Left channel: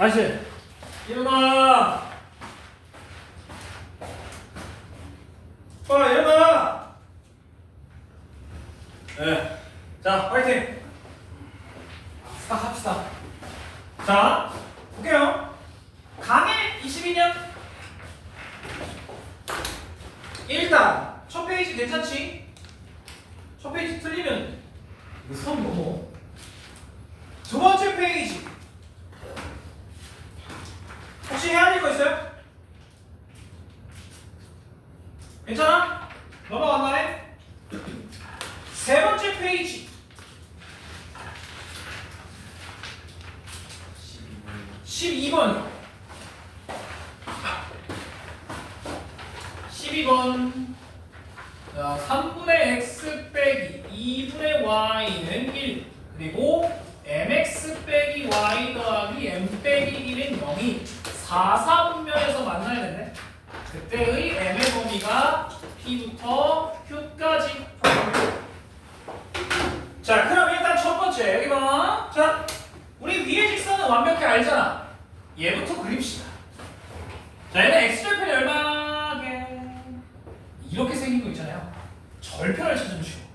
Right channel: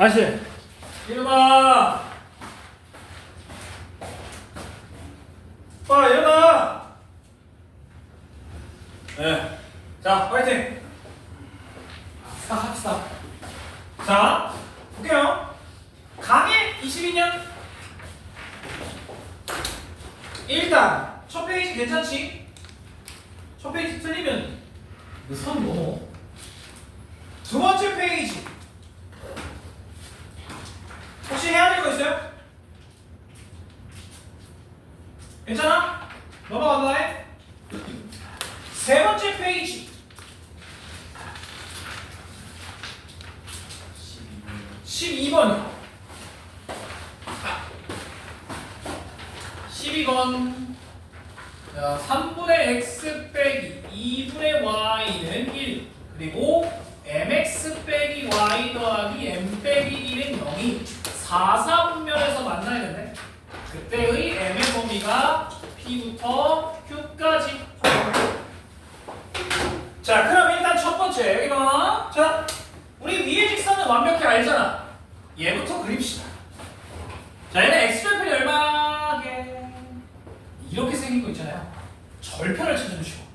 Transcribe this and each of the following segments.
아시 일어나. 일어나. 네. 자, 파이팅. 합시다. 자, 볼게요. 강의 22년. 일단 첫 페이지 괜찮지? 첫 페이지 틀리면 선 넘어. 두 번째 페이지. 혹시 해야 될 거 있어요? 괜찮아? 넘어간다네? 세 번째 페이지. 12번이요. 12번. 자, 3분의 x 빼기 2분의 y는 1. 그리고 mx 빼기 y 더하기 m 빼기 1은 0이 4사분면에서 만나야 되네. 그때의 m의 범위가 p부터 q까지. 자, 그럼 일단 첫 번째 여기 봐. 자, 우리 위의 직선은 완벽히 알잖아. 얘부터 그립시다. 자, 얘는 x절편이 얼마게? 이렇게 생긴 거 있잖아요. 절편을 찾아주시고.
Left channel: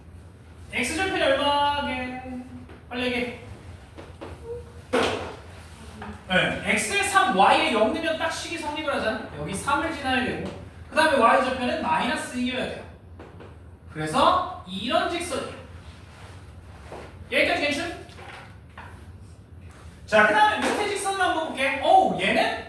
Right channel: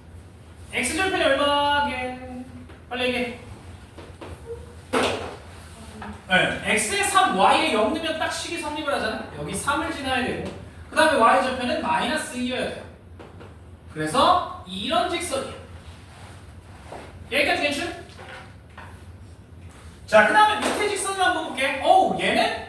x절편이 얼마게? 빨리 얘기해. 네, x에 3, y에 0 넣으면 딱 식이 성립을 하잖아. 여기 3을 지나야 되고, 그 다음에 y절편은 마이너스 2여야 돼요. 그래서 이런 직선이에요. 여기까지 괜찮? 자, 그 다음에 밑에 직선을 한번 볼게. 얘는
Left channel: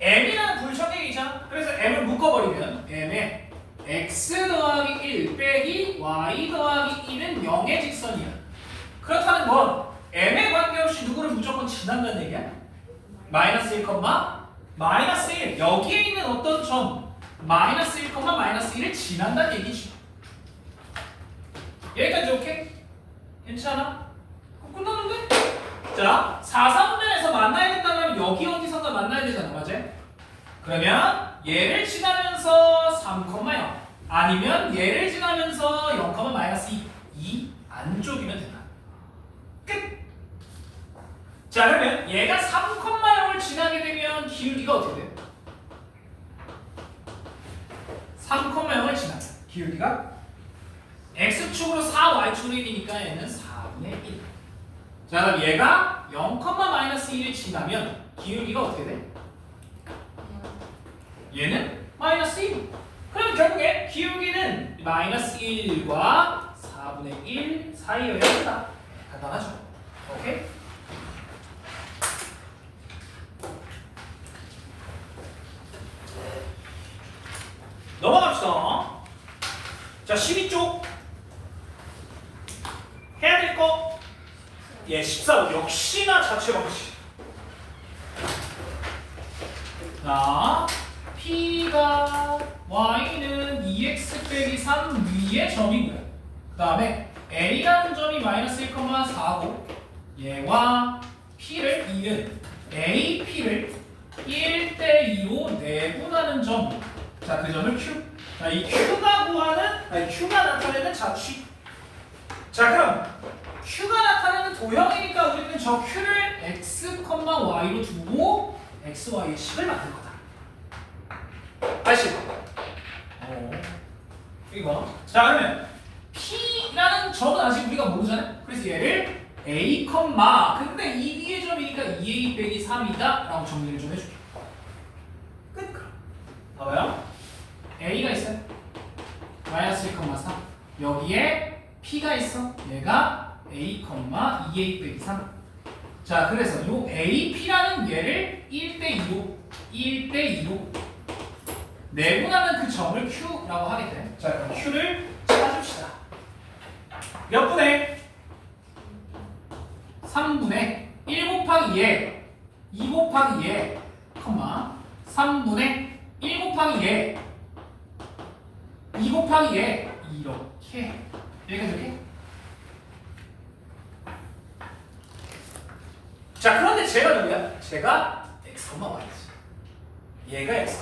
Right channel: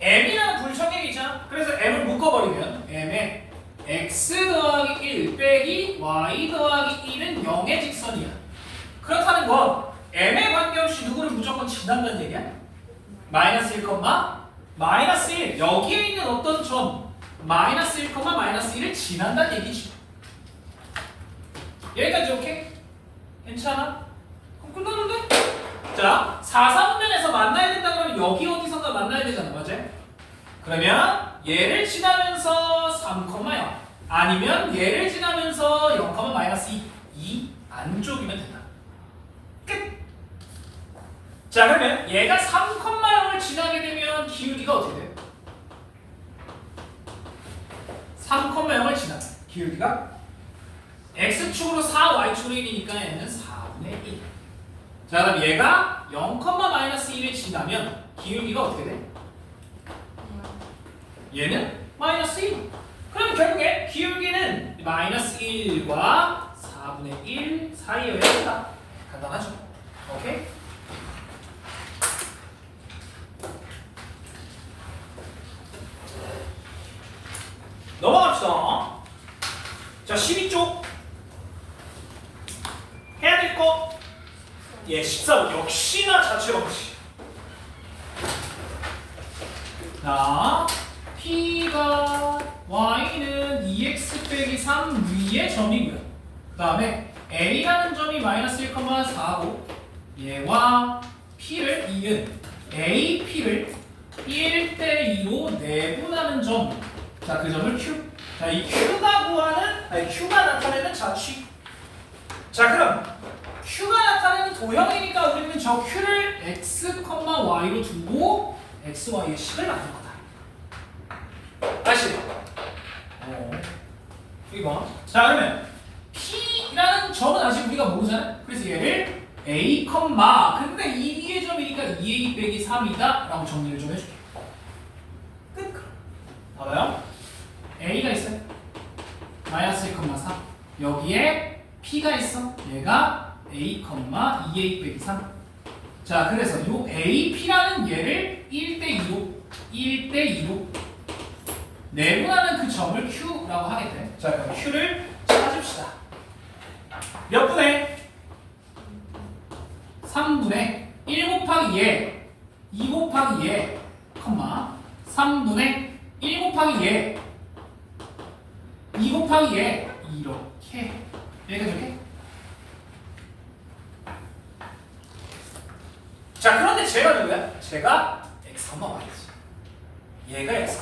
m이라는 불청객이 있잖아. 그래서 m을 묶어버리면 m에 x 더하기 1 빼기 y 더하기 1은 0의 직선이야. 그렇다는 건 m에 관계없이 누구를 무조건 지난다는 얘기야? 마이너스 1, 마이너스 1. 여기에 있는 어떤 점 마이너스 1, 마이너스 1을 지난다는 얘기지. 여기까지 오케이? 괜찮아? 그럼 끝났는데? 자, 4사분면에서 만나야 된다 그러면 여기 어디선가 만나야 되잖아, 맞지? 그러면 얘를 지나면서 3,0 아니면 얘를 지나면서 0, 마이너스 2 이 안쪽이면 된다. 끝! 자, 그러면 얘가 3,0을 지나게 되면 기울기가 어떻게 돼? 3,0을 지나면 기울기가 x축으로 4, y축으로 1이니까 얘는 4분의 1. 자, 그럼 얘가 0, 마이너스 1을 지나면 기울기가 어떻게 돼? 얘는 마이너스 1. 그럼 결국에 기울기는 마이너스 1과 4분의 1 사이여야 된다. 간단하죠? 오케이? 넘어갑시다. 자, 12쪽 해야 될 거. 14번 역시나 자체 방식. 자, p가 y는 2x 빼기 3 위의 점이고요. 그 다음에 a라는 점이 마이너스 1,4고 얘와 p를 이은 a, p를 1대2로 내분하는 점. 자, 그 점을 q. 자, 이 q가 나타내는 자취. 자, 그럼 q가 나타내는 도형이니까 우리는 저 q를 x, y로 두고 x, y의 식을 만들 거다. 다시. 이거. 자, 그러면 p라는 점은 아직 우리가 모르잖아요. 그래서 얘를 a, 근데 이 위의 점이니까 2a 빼기 3이다 라고 정리를 좀 해줄게. 끝. 봐봐요. a가 있어요. 마이너스 1,3. 여기에 p가 있어. 얘가 a, 2a 빼기 3. 자, 그래서 요 a, p라는 얘를 1대2로 내분하는 그 점을 q라고 하게 돼. 자, 그럼 q를 찾읍시다. 몇 분의? 3분의 1 곱하기 얘, 2 곱하기 얘, 3분의 1 곱하기 얘, 2 곱하기 얘, 이렇게. 여기까지 이렇게. 자, 그런데 제가 누구야? 제가 x, y지. 얘가 x,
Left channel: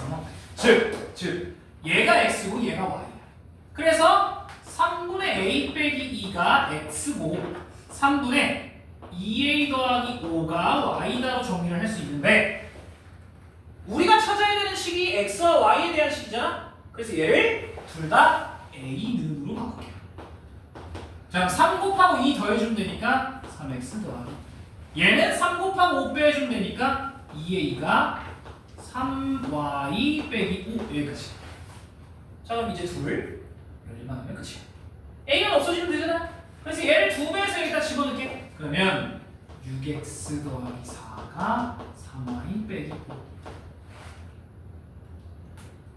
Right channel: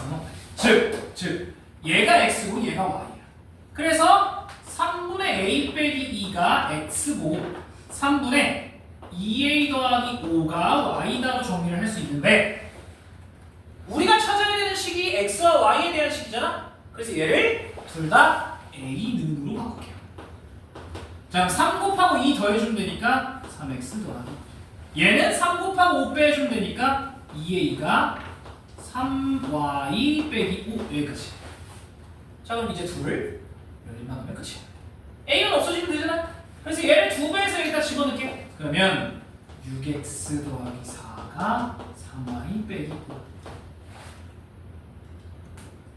즉 얘가 x고 얘가 y야. 그래서 3분의 a 빼기 2가 x고 3분의 2a 더하기 5가 y다로 정리를 할 수 있는데 우리가 찾아야 되는 식이 x와 y에 대한 식이잖아. 그래서 얘를 둘 다 a는으로 바꿀게요. 자, 3 곱하고 2 더해주면 되니까 3x 더하기 얘는 3 곱하고 5 빼주면 되니까 2a가 3y 빼기 5 여기까지. 자, 그럼 이제 둘을 열림만 하면 끝이야. a는 없어지면 되잖아. 그래서 얘를 2배에서 여기다 집어넣게. 그러면 6x 더하기 4가 3y 빼기 5.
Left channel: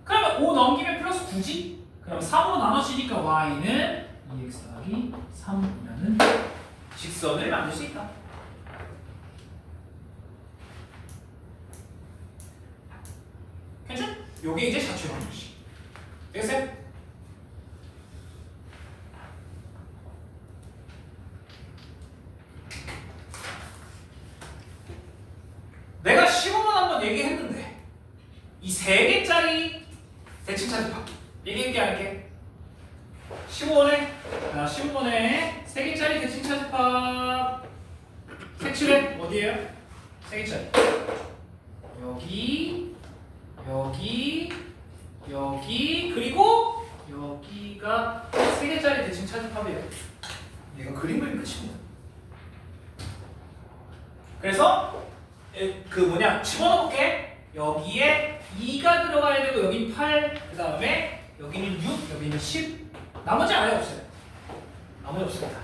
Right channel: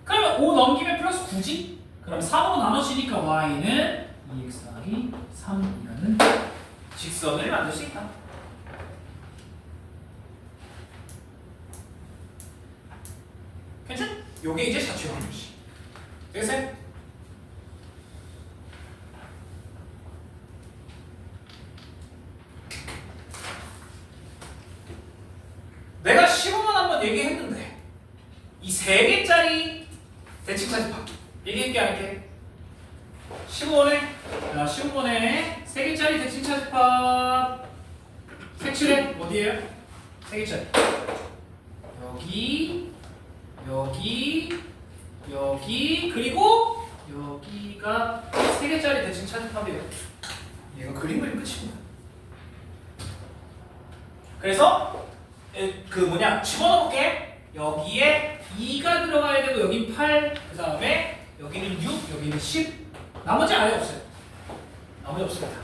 그러면 5 넘기면 플러스 9지? 그럼 3으로 나눠지니까 y는 2x 더하기 3이라는 직선을 만들 수 있다. 괜찮? 요게 이제 자취형 방식. 되겠어요? 내가 15분 한번 얘기했는데 이 3개짜리 대칭차집합 얘기한 게 아닐게. 15번에 3개짜리 대칭차집합 색칠해. 어디에요? 3개짜리 여기 그리고 여기가 3개짜리 대칭차집합이에요. 얘가 그림 그리면 끝입니다. 그래서 집어넣을게. 여기에 2가 들어가야 되고 여기 8, 그 다음에 여기는 6, 여기는 10. 나머지 아예 없어요. 나머지 없습니다.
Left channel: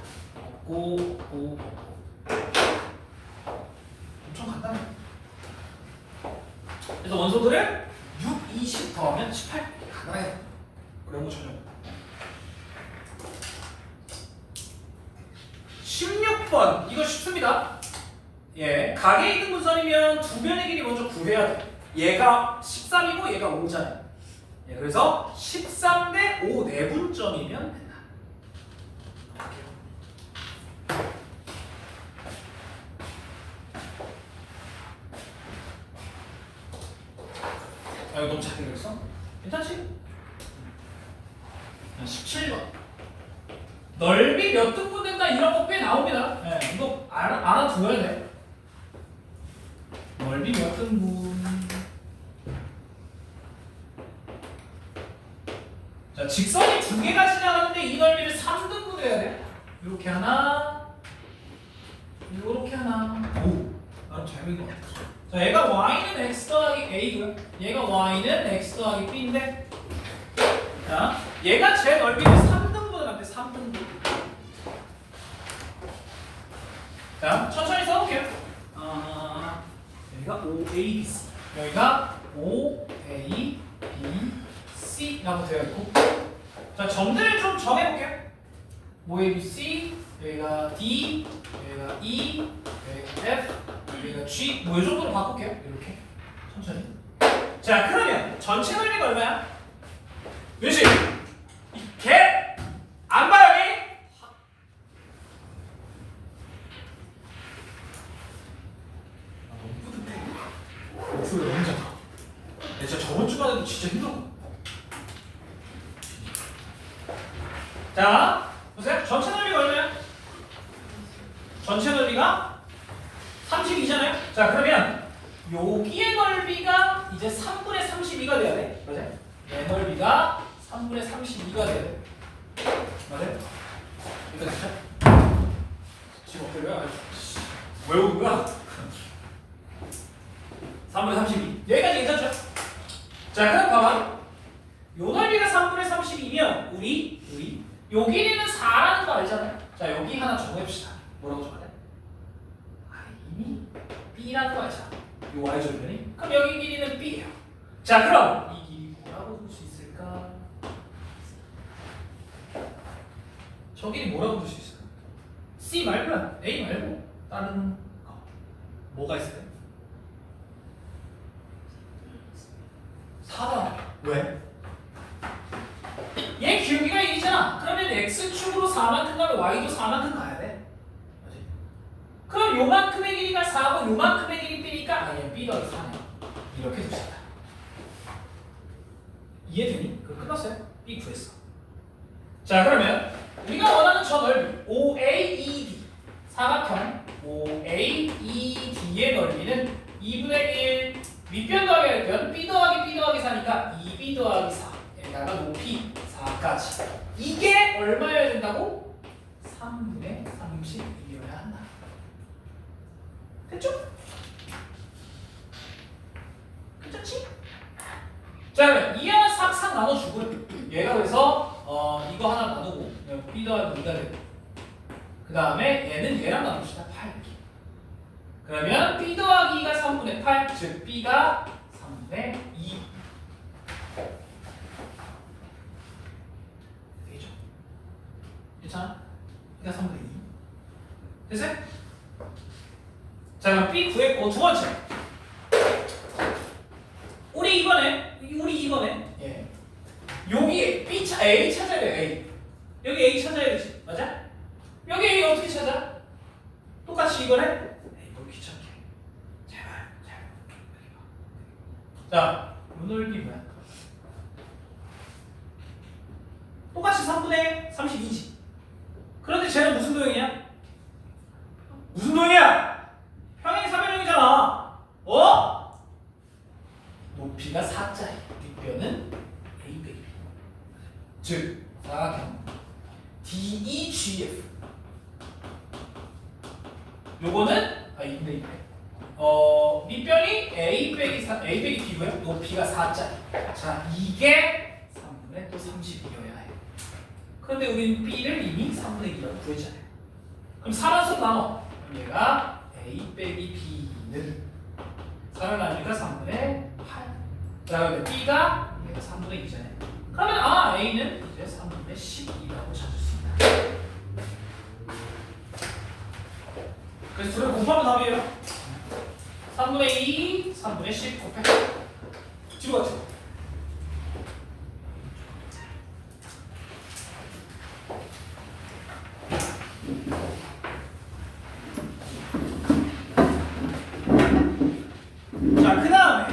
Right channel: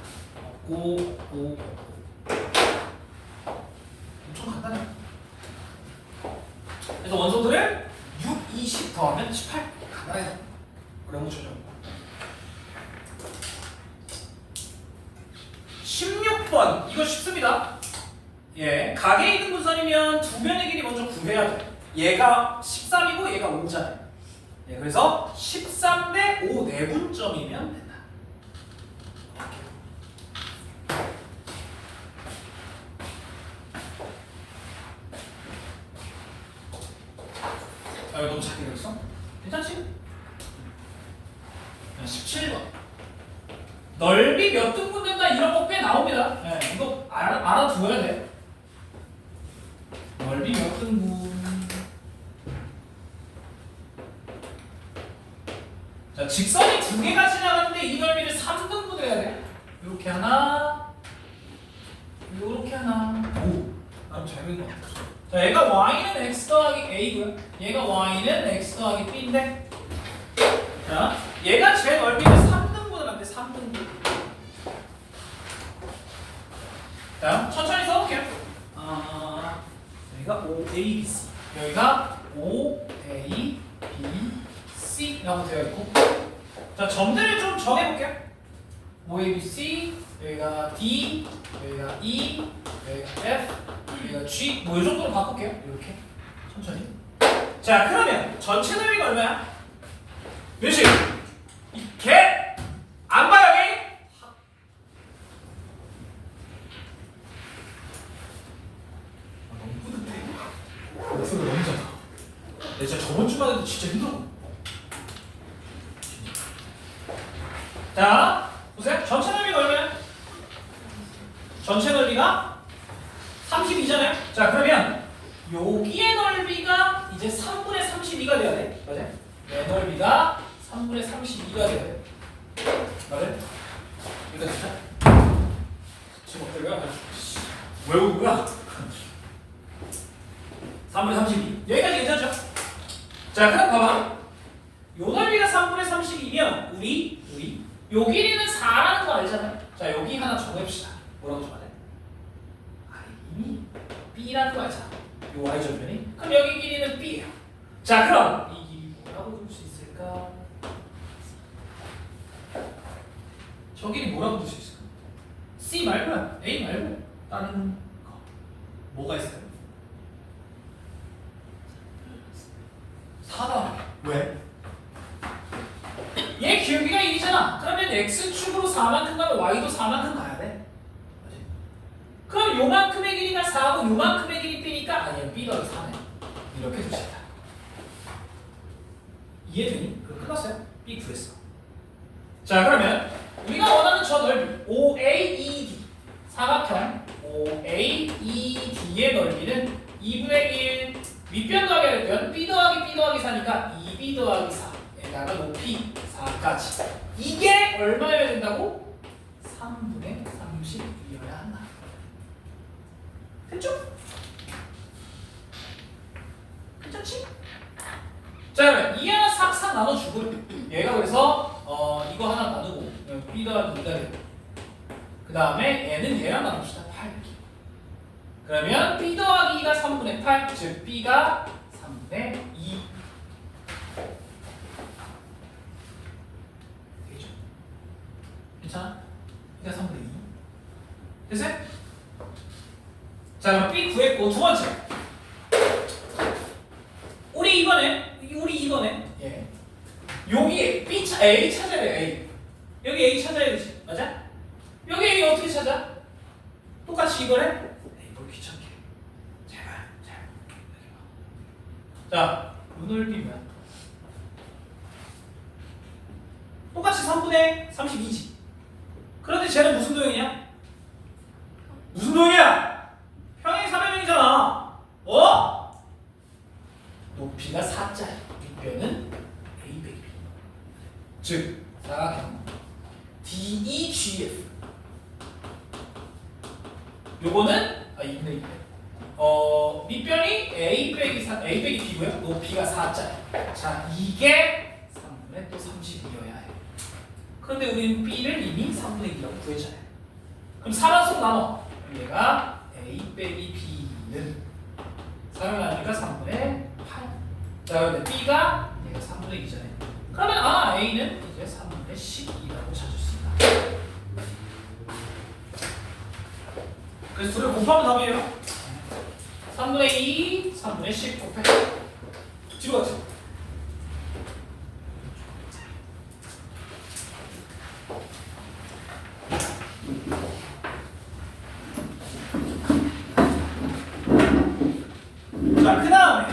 없고. 엄청 간단해. 그래서 원소들을 6, 20 더하면 18. 간단해. 어려운 거 전혀. 16번 이거 쉽습니다. 예, 각의 이등분선이면 두 변의 길이 먼저 구해야 돼. 얘가 13이고 얘가 5잖아요. 예, 그래서 13대 5 내분점이면 된다. 아, 이거 너무 작게 그렸어? 괜찮지? 17번 넓이 몇 등분 된다 이런 거 꽤 나옵니다. 예, 이거 알아두어야 돼. 넓이 몇 등분. 자, 직선이 두 개가 지나가는데 이 넓이를 3등분 해야 돼. 이렇게 하나, 이렇게 하나. 오, 나름 잘 그린 것 같아. 자, 얘가 y는 x 더하기 a고요. 얘가 y는 x 더하기 b인데, 자, 얘가 제 넓이를 3등분을 한대. 3등분. 자, 천천히 써볼게요. 여기가 OABC, 여기가 OABC라고 되어 있고, 자, 점들을 좀 정해볼게요. OABC, 여기가 D, 여기가 E, 여기가 F, 여기가 G, 뭐 이 정도로 바꿀게요. 이렇게 천천히. 자, 그러면 전체 넓이가 얼마야? 몇이? 개! 안 봐, 여기? 너무 뿌듯해. 목소리 너무 작아. 진짜 저번 주만 해도 진짜 힘들어. 자, 보세요. 전체 넓이가 얼마야? 전체 넓이가 32잖아요. 자, 그러면 여기의 넓이가 이제 3분의 32가 돼야 돼. 맞아요? 내 넓이가 3분의 32가 돼야 돼. 맞아요? 일단 진짜 지금 어때요? 외우는 거야? 3분의 32. 여기까지 괜찮죠? 자, 그럼 봐봐. 요 넓이가 3분의 32면 우리 요 길이는 4라는 거 알잖아요. 자, 여기 하나 정해봅시다. 뭐라고 정하래? i이 b라는 거 알잖아. 요 y절편이. 그럼 여기 길이는 b예요. 자, 그럼 이 길이 뭐라고 볼 수 있을까? 저 길이 뭐라고 볼 수 있을까? c 말고요. a 말고 다른 거 뭐가 있을까요? 4다. 왜? 얘 기울기가 1이잖아. 그러면 x축으로 4만큼 가면 y도 4만큼 가야 돼. 맞지? 그럼 요만큼의 길이가 4고 요만큼의 길이 b니까 아니 b 더하기 4네. 이렇게 줄 수 있다. 이해되니? 그럼 끝났어요. b 구했어. 자, 그러면 우리가 원하는 저 넓이 OAED 사각형 OA ED의 넓이는 2분의 1 윗변 더하기 아랫변 B 더하기 B 더하기 4니까 2B 더하기 4 에다가 높이 4까지 이게 얼마여야 된다고? 3분의 30이어야 한다. 됐죠? 괜찮지? 자 그러면 이 하나 싹싹 나눠주고 얘가 그래서 이거 하나 나누고 B 더하기 2가 되고 그 다음에 얘는 얘랑 나눕시다. 8 그러면 B 더하기 2가 3분의 8 즉 B가 3분의 2 되겠죠? 괜찮아? B가 3분의 2 됐어요? 자 그럼 B 구했고 두 번째 우리 이번에 예. 여기 B A 찾아야 돼. A 여기 A 찾아야 되지 맞아? 여기 A 어떻게 찾아? 똑같이 이거래? 에이 뭘 귀찮게 제발 여기 봐. 자 요 넓이 뭐야? 똑같이 3분의 32지 그런데 쟤는 무슨 도형이야? 무슨 도형이야? 평행 사변형이잖아 어? 높이가 4짜리 윗변은 A 빼기 B 즉 사각형 DEGF 요거는 2분의 2배 밑변이 A 빼기 B고요 높이가 4짜리 자 이게 3분의 또 30이어야 해 그런데 우리는 B를 이미 3분의 2라고 구했잖아요 그럼 4만 나눠 그럼 얘가 A 빼기 B는 4를 나누니까 3분의 8 자 근데 B가 얘가 3분의 2잖아요 그러면 A는 이제 3분의 12라고 찾을 수 있다 그래서 둘을 곱하면 답이에요 3분의 2, 3분의 10 곱해 뒤로 갔죠 자, 그 다음에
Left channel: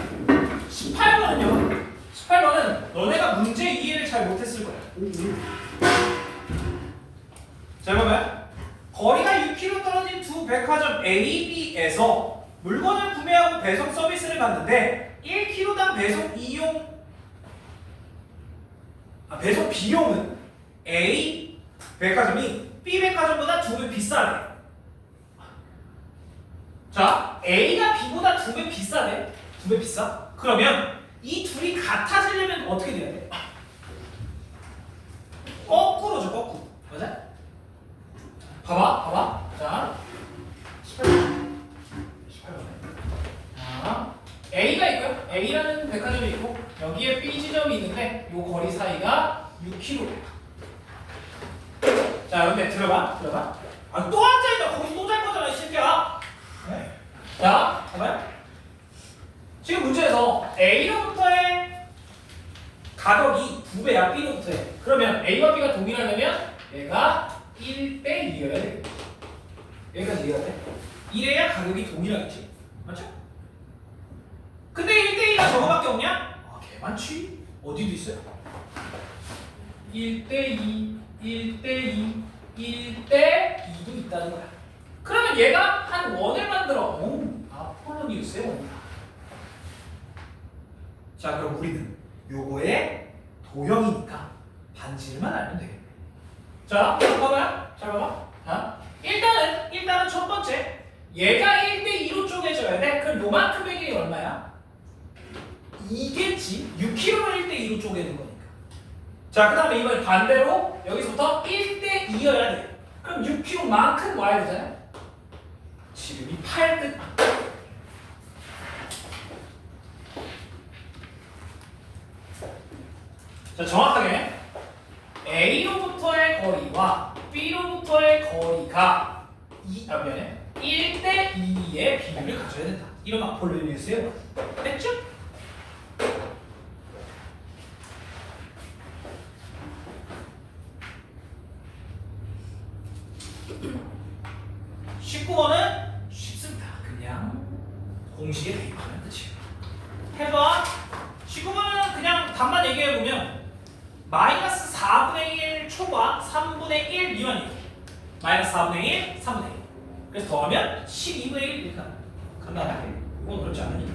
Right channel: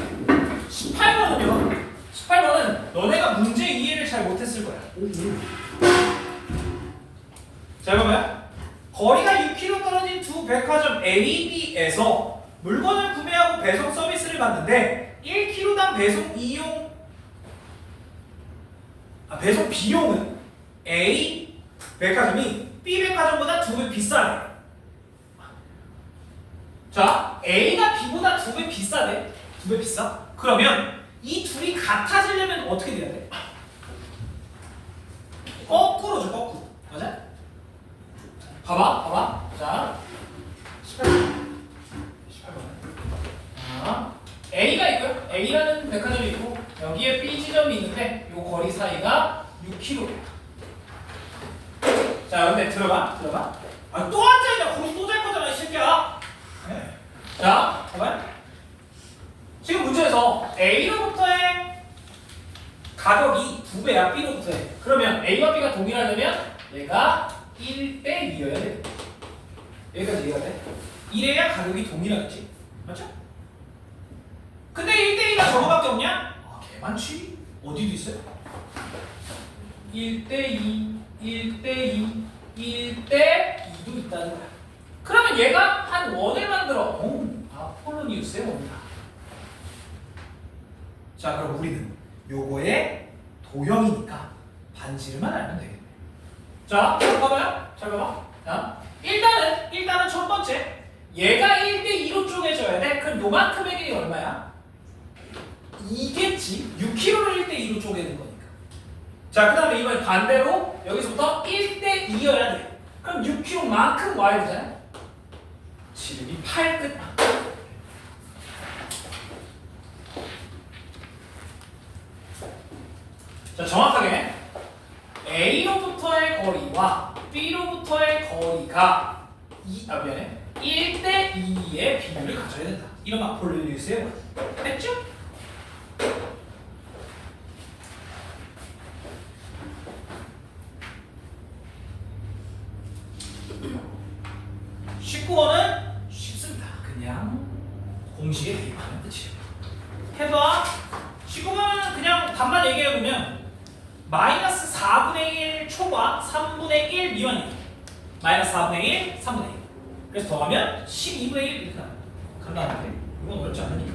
18번은 너네가 문제 이해를 잘 못했을 거야. 자, 그러면 거리가 6km 떨어진 두 백화점 A, B에서 물건을 구매하고 배송 서비스를 받는데 1kg당 배송 비용은 A 백화점이 B 백화점보다 2배 비싸네. 자, A가 B보다 2배 비싸네. 2배 비싸? 그러면 이 둘이 같아지려면 어떻게 돼야 돼? 거꾸로죠, 거꾸로. 맞아? 봐봐. 자, 18번에. 자, A가 있고요. A라는 백화점이 있고 여기에 B 지점이 있는데 이 거리 사이가 6km. 자, 근데 들어봐. 또 앉아있다. 거기서 또 잘 거잖아, 이 새끼야. 네. 자, 봐봐요. 지금 문제에서 A로부터의 가격이 2배야, B로부터의. 그러면 A와 B가 동일하려면 얘가 1대 2여야 돼. 여기까지 이해가 돼? 이래야 가격이 동일하겠지. 맞죠? 근데 1대 2가 저거밖에 없냐? 개 많지. 어디도 있어요? 1대 2, 1대 2, 1대 2도 있다는 거야. 그러면 얘가 한 원을 만들어. 아폴로니우스의 원이다. 자, 그럼 우리는 요거의 도형이니까 반지름만 알면 되겠네. 자, 잘 봐봐. 자, 일단은 첫 번째 얘가 1대 2로 쪼개져야 돼. 그럼 요만큼의 길이 얼마야? 2겠지. 6km를 1대 2로 쪼개는 거니까. 자, 그 다음에 이번에 반대로 여기서부터 1대 2여야 돼. 그럼 6km만큼 와야 되잖아요. 지름이 8끝. 자, 정확하게 A로부터의 거리와 B로부터의 거리가 1대 2의 비율을 가져야 된다. 이런 아폴로니우스의 원. 됐죠? (19번은) 쉽습니다. 그냥 공식에 대입하는 끝이에요. 해봐. 19번은 그냥 답만 얘기해보면 마이너스 4분의 1 초과 3분의 1 미만이에요. 마이너스 4분의 1, 3분의 1. 그래서 더하면 12분의 1 이렇게 간다는데 이건 어렵지 않으니까.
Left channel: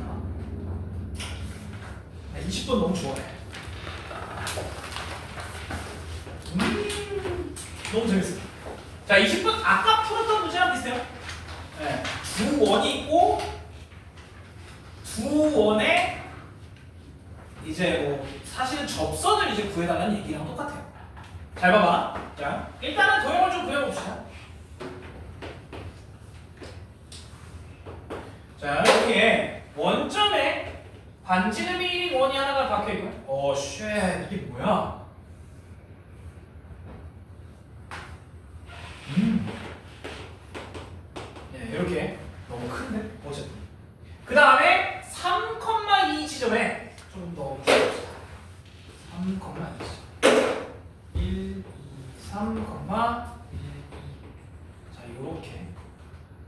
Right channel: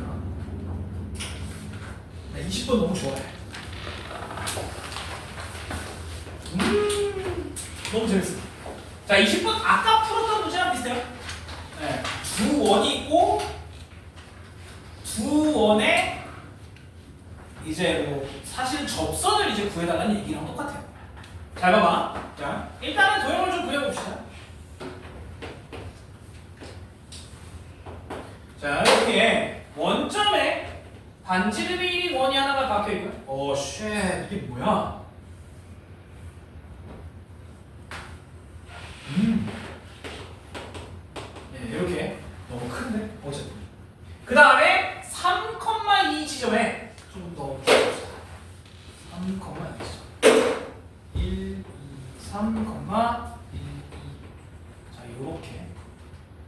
나 20번 너무 좋아해. 너무 재밌어. 자, 20번 아까 풀었던 문제랑 비슷해요. 네. 두 원이 있고 두 원에 이제 뭐 사실 접선을 이제 구해달라는 얘기랑 똑같아요. 잘 봐봐. 자, 일단은 도형을 좀 그려봅시다. 자, 여기에 원점에 반지름이 원이 하나가 박혀있고요. 쉣, 이게 뭐야? 예, 이렇게 너무 큰데? 어쨌든. 그 다음에 3,2 지점에 좀 더 줄여봅시다. 3,2 지점. 1, 2, 3, 1, 2. 자, 요렇게.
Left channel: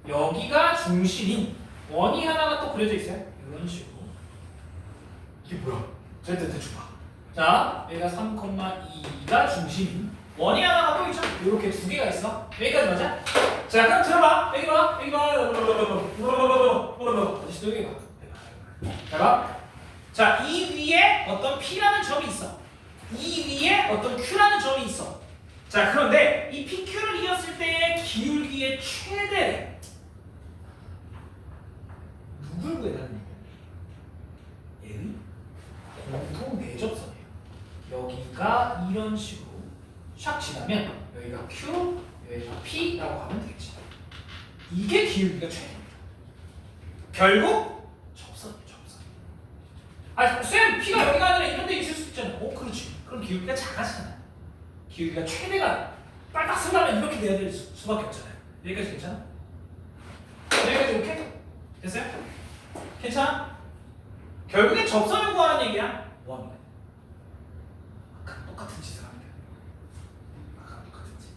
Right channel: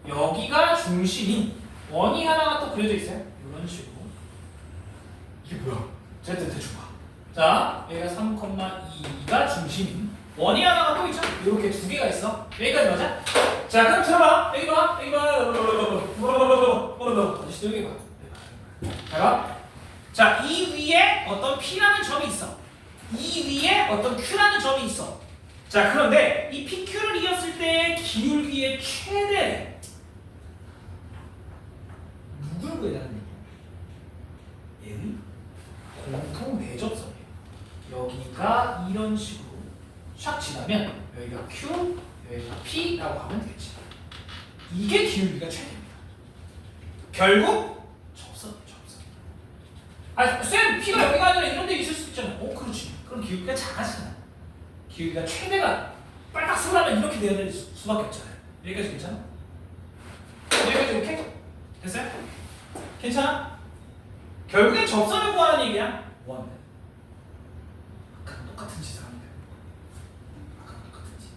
여기가 중심인 원이 하나가 또 그려져 있어요. 이런 식으로. 이게 뭐야? 대충 봐. 자, 여기가 3,2가 중심인 원이 하나가 또 있죠? 이렇게 두 개가 있어. 여기까지 맞아? 자, 그럼 들어봐. 여기 봐. 여기 봐. 어디서 여기 봐. 자, 봐. 자, 이 위에 어떤 P라는 점이 있어. 이 위에 어떤 Q라는 점이 있어. 자, 그런데 이 PQ를 이었을 때의 기울기의 최대 누굴 구해달라는 얘기야? 얘의 공통 내접선이에요. 여기가 이런 식으로 샥 지나면 여기가 Q, 여기가 P라고 하면 되겠지. 이게 기울기가 최대입니다. 결국 접선이에요. 접선. 아, 쌤, P가 여기가 아니라 이런 데 있을 수 있잖아. 그렇지. 그럼 기울기가 작아지잖아. 기울기가 최대가 빨딱 쓰려면 이렇게 돼야 될 수밖에 없잖아요. 여기까지 괜찮아? 여기까지 이렇게? 됐어요? 괜찮아? 결국엔 접선을 구하는 얘기야. 원. 아까 똑같은 짓을 하면 돼요. 아까 똑같은 짓.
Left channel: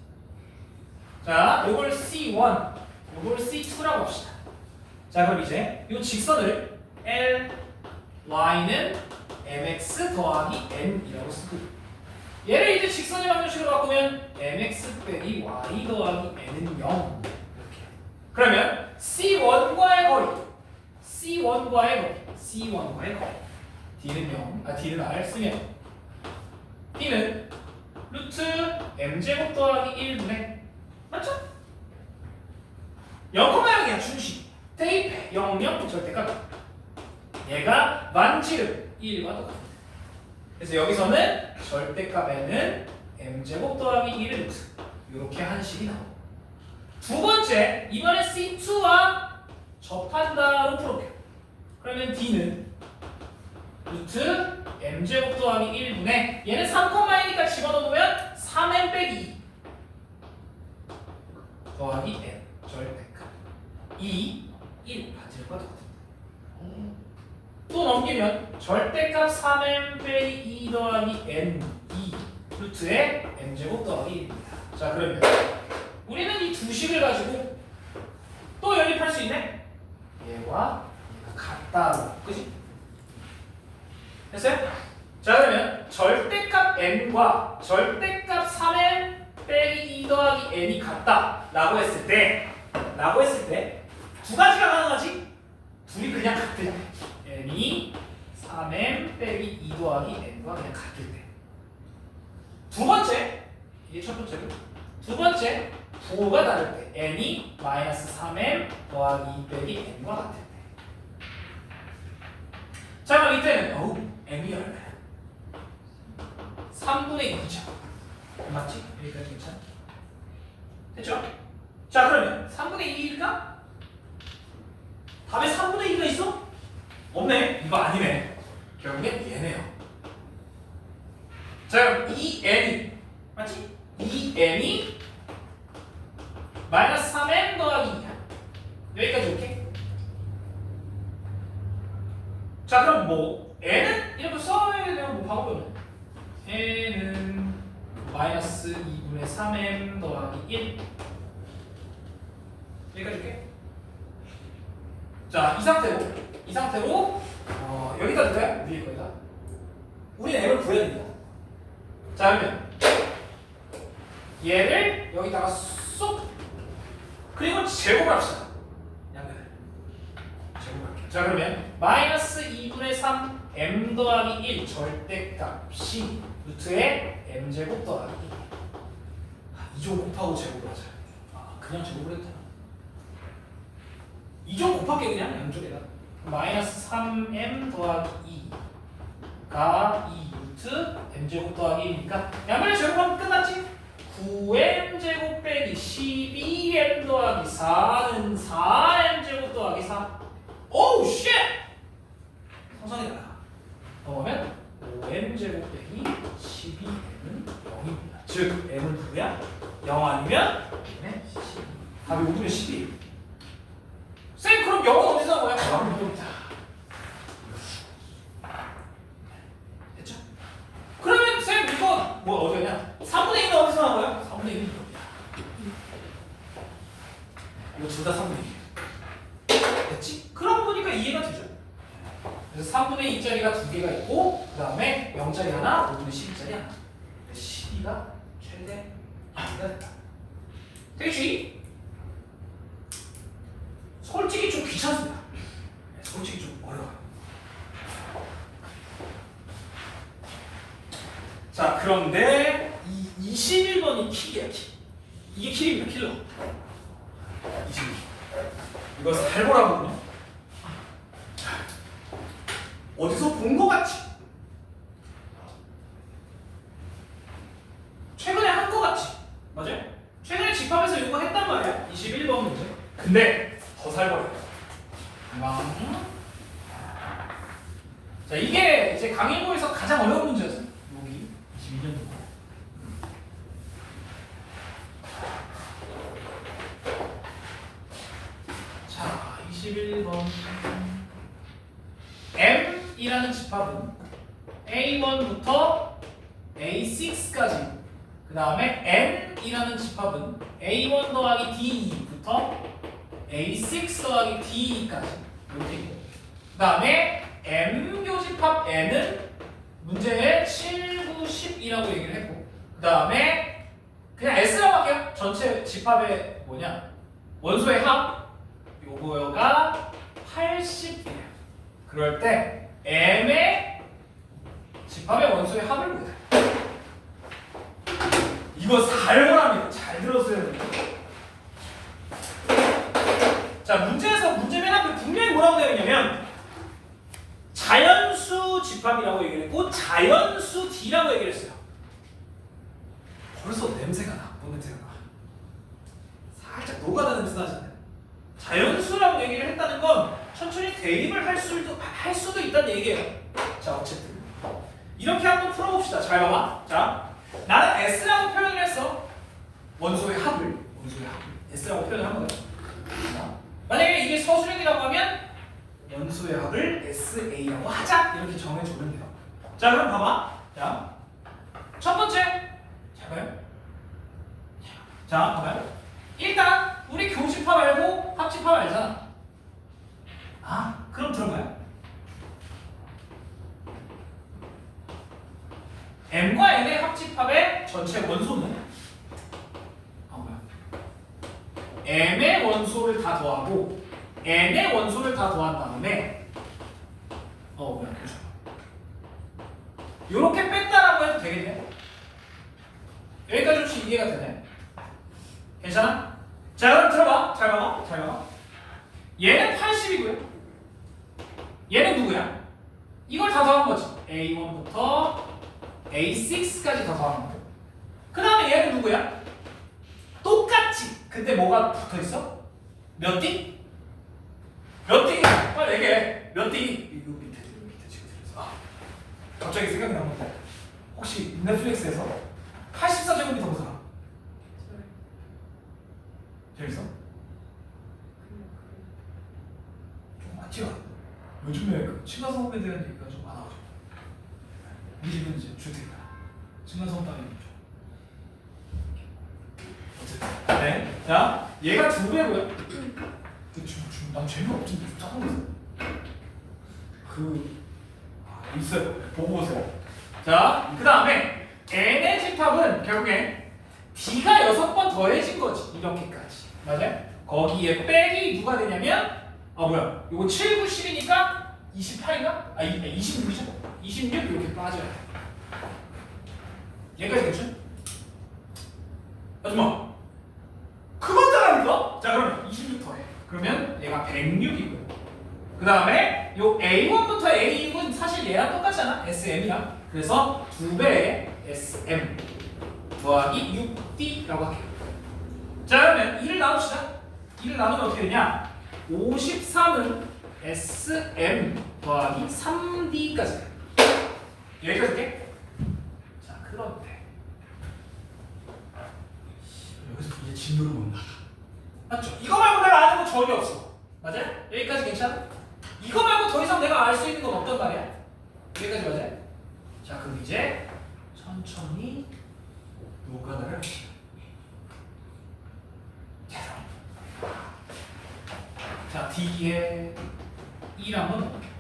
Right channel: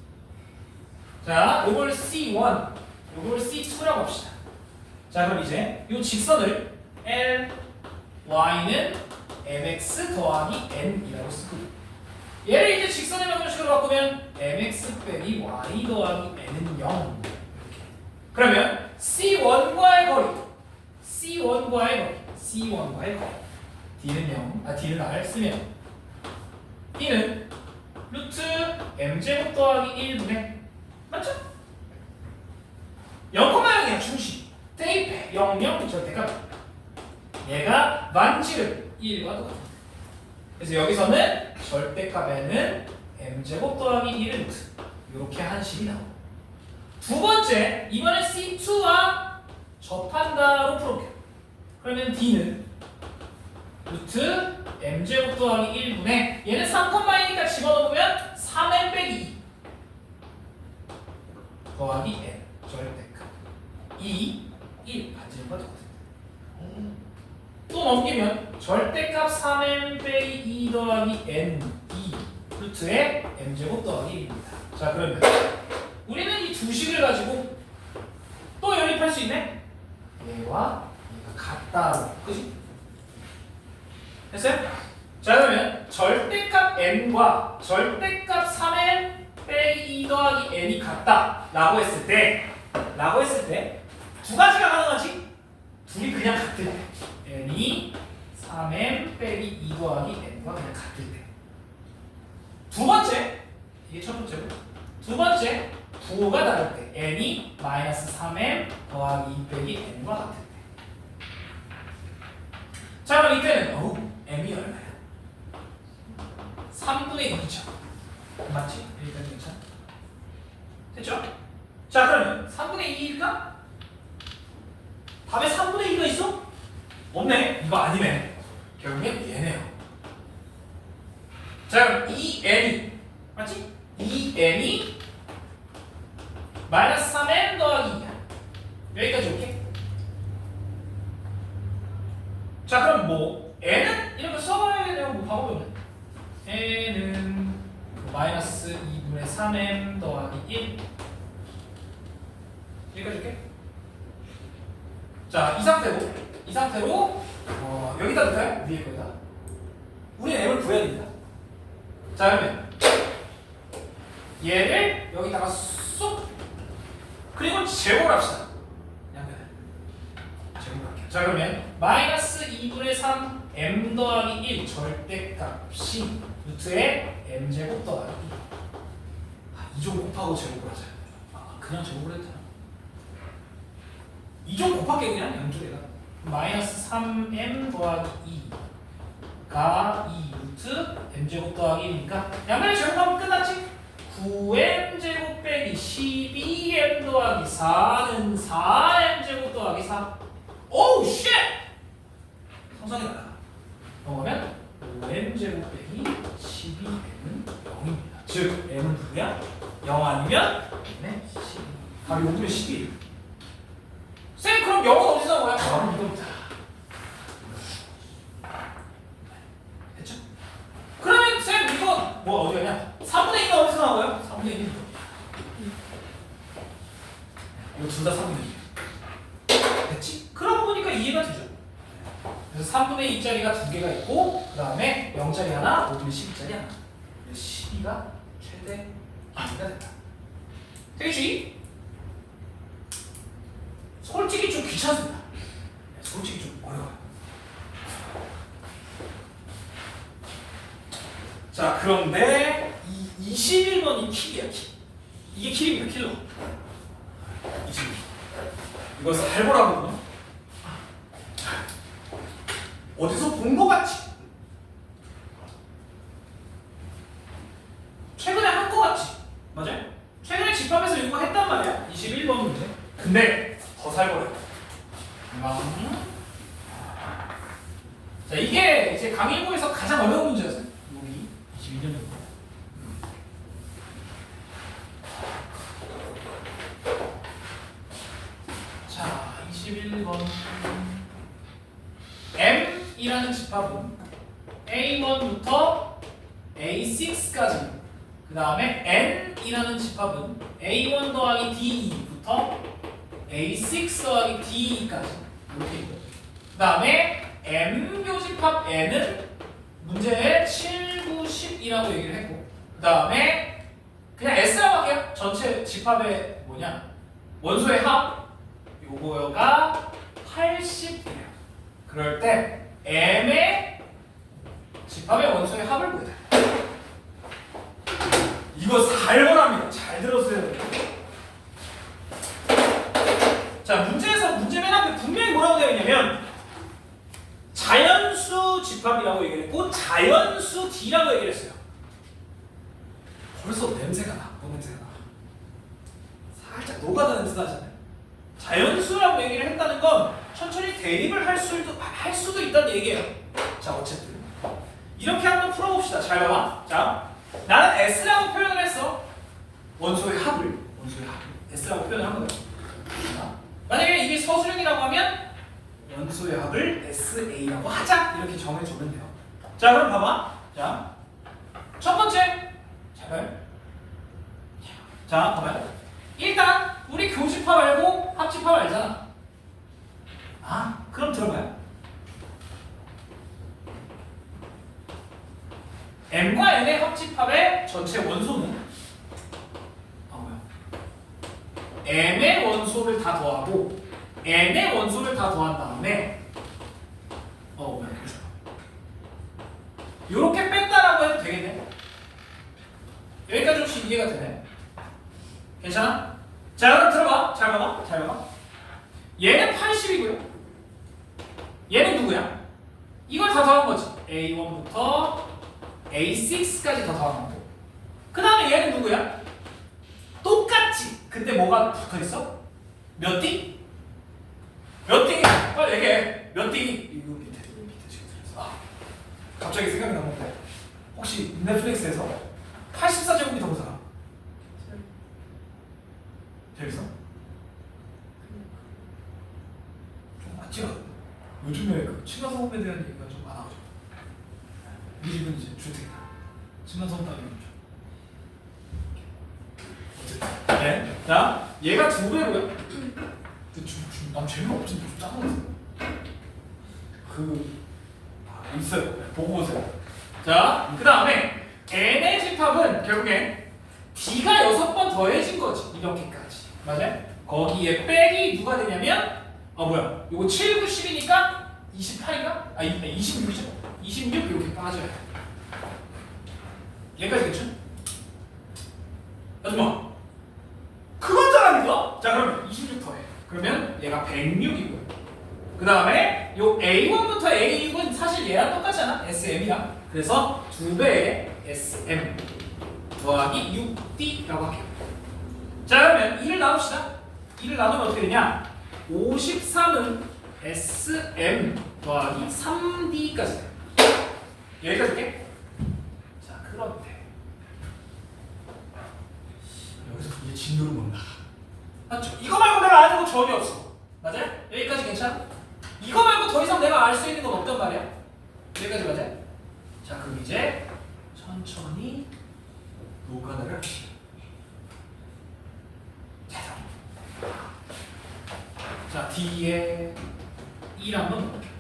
자, 요걸 C1, 요걸 C2라고 합시다. 자, 그럼 이제 요 직선을 L, Y는 mx 더하기 n이라고 쓰고 얘를 이제 직선의 방정식으로 바꾸면 mx 빼기 y 더하기 n은 0 이렇게. 그러면 C1과의 거리 C1과의 거리 D는 0, D는 R 쓰면 D는 루트 m제곱 더하기 1분의 맞죠? 0,0이야 중심 대입해 0, 0 절대값 얘가 만지름 1과 똑같아. 그래서 여기서는 절대값에는 m제곱 더하기 1의 루트 이렇게 한 식이 나오고 두 번째 이번에 C2와 접한다로 풀어볼게요. 그러면 D는 루트 m제곱 더하기 1분의 얘는 3,2니까 집어넣으면 3n 빼기 2 더하기 n 절대값 2, 1 반지름과 똑같습니다. 또 넘기면 절대값 3n 빼기 2 더하기 n 2 루트에 m제곱 더하기 1입니다. 자, 그러면 우리는 이 두 식을 가지고 또 연립할 수 있네? 얘와 얘가 같다고. 그지? 됐어요? 자, 그러면 절대값 n과 절대값 3n 빼기 2 더하기 n이 같다 라고 했을 때 두 가지가 가능하지? 둘이 그냥 같을 때 n이 3n 빼기 2 더하기 n과 그냥 같을 때. 두 번째, 이게 첫 번째로. 두 번째, 부호가 다를 때 n이 마이너스 3n 더하기 2 빼기 n과 같을 때. 자, 그럼 이때는 m이 얼마야? 3분의 2죠. 맞지? 여기까지 괜찮아? 됐죠? 자, 그러면 3분의 2일까? 답에 3분의 2가 있어? 없네. 이거 아니네. 결국엔 얘네요. 자, 그럼 이 n이 맞지? 이 n이 마이너스 3n 더하기 2야. 여기까지 오케이? 자, 그럼 뭐 n은 이렇게 써야 되면 뭐 바꿔보면 n은 마이너스 2분의 3m 더하기 1 여기까지 오케이? 자, 이 상태로 여기다 둘까요? 위에 거기다. 우리는 m을 구해야 됩니다. 자, 그러면 얘를 여기다가 쏙 그리고 제곱을 합시다. 제곱을 할게요. 자 그러면 마이너스 2분의 3 m 더하기 1 절대값이 루트에 m제곱 더하기 2종 곱하고 제곱을 하자. 그냥 제곱을 해도 되나? 2종 곱할게 그냥 양쪽에다. 마이너스 3m 더하기 2가 2 루트 m제곱 더하기 1이니까 양면에 제곱하면 끝났지? 9m제곱 빼기 12m 더하기 4는 4m제곱 더하기 4. 오우 쉣! 성선이 나가. 그러면 5m제곱 빼기 12m은 0입니다. 즉 m은 누구야? 0 아니면 m은 12. 답이 5분의 12. 쌤 그럼 0은 어디서 나온 거야? 답은 이겁니다. 됐죠? 그러면 쌤 이거 뭐 어디냐? 3분의 1은 어디서 나온 거야? 3분의 1은 이겁니다. 이거 둘 다 3분의 1이야. 됐지? 그러고 보니까 이해가 되죠? 그래서 3분의 2짜리가 두 개가 있고 그 다음에 0짜리 하나, 5분의 12짜리 하나. 12가 최대 길이가 됐다. 되겠지? 솔직히 좀 귀찮습니다. 솔직히 좀 어려워요. 자 그런데 이 21번이 킬이야 킬. 이게 킬입니다 킬러. 21. 이거 잘 보라고요. 어디서 본 거 같지? 최근에 한 거 같지? 맞아요? 최근에 집합에서 이거 했단 말이야. 21번 문제. 근데 더 살벌해요. 자 이게 이제 강일보에서 가장 어려운 문제였어요. 여기 21년 거. 자 21번 M이라는 집합은 A1부터 A6까지 그 다음에 N이라는 집합은 A1 더하기 D2부터 A6 더하기 D2까지 이렇게 있고 그 다음에 M교집합 N은 문제에 7, 9, 10이라고 얘기를 했고 그 다음에 그냥 S라고 할게요. 전체 집합의 뭐냐 원소의 합 요거가 80이에요. 그럴 때 M의 집합의 원소의 합을 구해야 돼. 이거 살벌합니다. 잘 들었어야 돼요. 자 문제에서 문제 맨 앞에 분명히 뭐라고 되어 있냐면 자연수 집합이라고 얘기를 했고 자연수 D라고 얘기를 했어요. 벌써 냄새가 나. 뭔 냄새가 나? 살짝 노가다 냄새 나잖아요. 자연수라고 얘기를 했다는 건 천천히 대입을 할 수도 있다는 얘기예요. 자 어쨌든 이렇게 한번 풀어봅시다. 잘 봐봐. 자 나는 S라고 표현을 했어. 원소의 합을 S라고 표현을 한 거예요. 자, 만약에 이게 서술형이라고 하면 원소의 합을 SA라고 하자 이렇게 정해주면 돼요. 자 그럼 봐봐. 자 첫 번째 잘 봐요. 자 봐봐요. 일단 우리 교집합 알고 합집합 알잖아. 그럼 들어봐요. M과 N의 합집합의 전체 원소는 뭐야? M의 원소를 다 더하고 N의 원소를 다 더한 다음에 뭐야? 그렇죠. 요렇게 뺐다라고 해도 되겠네. 여기까지 혹시 이해가 되네? 괜찮아? 자 그럼 들어봐. 잘 봐봐. 얘는 80이고요. 얘는 누구야? 이걸 다 더한 거지. A1부터 A6까지 다 더한 거고. 그 다음에 얘는 누구야? 똑같지. 근데 뭐가 붙어 있어? 몇 D? 몇 D? 빨리 얘기해. 몇 D? 이거 밑에 지금 들려서. 갑자기 생각이 난 건데. 혹시 넷플릭스에서 84제곱미터 본 사람? 재밌어? 좀 맞지가. 요즘에 그 층간소음에 대한 얘기가 좀 많아가지고 우리 집은 이제 주택이다. 층간소음 따위는 어쨌든 네. 자 얘가 2배고요. 난 재미없지. 좀 짜증났어. 있어요. 보고 오세요. 자 그 다음에 N의 집합은 결국엔 D가 6번 더해진 거지. 이렇게까지 맞아요? 거기에 빼기 누가 되냐면 뭐야? 요거 7, 9, 10이니까 28인가? 26이죠? 26 이렇게 빠져요. 여기까지겠죠? 아줌마 그건 잘합니까? 자 그럼 26 더해. 그러면 얘가 106이고요. 그 다음에 요 A1부터 A6은 사실 얘랑 똑같잖아. SM이랑. 그래서 2배의 SM 더하기 6D라고 할게요. 자 그러면 2를 나눕시다. 2를 나누면 어떻게 되냐? 53은 SM 더하기 3D까지 돼. 여기까지 할게. 자 그런데 여기서 이제 진도를 못 나가. 맞죠? 이거 말고 내가 아는 거 전혀 없어. 맞아요? 여기까지 괜찮아? 이거 말고 더 이상 내가 알 수 있는 건 없단 말이야. 여기까지 맞아요? 자 그럼 이제 천천히 노가다를 합시다. 자 D에 1 한번 넣어볼게요.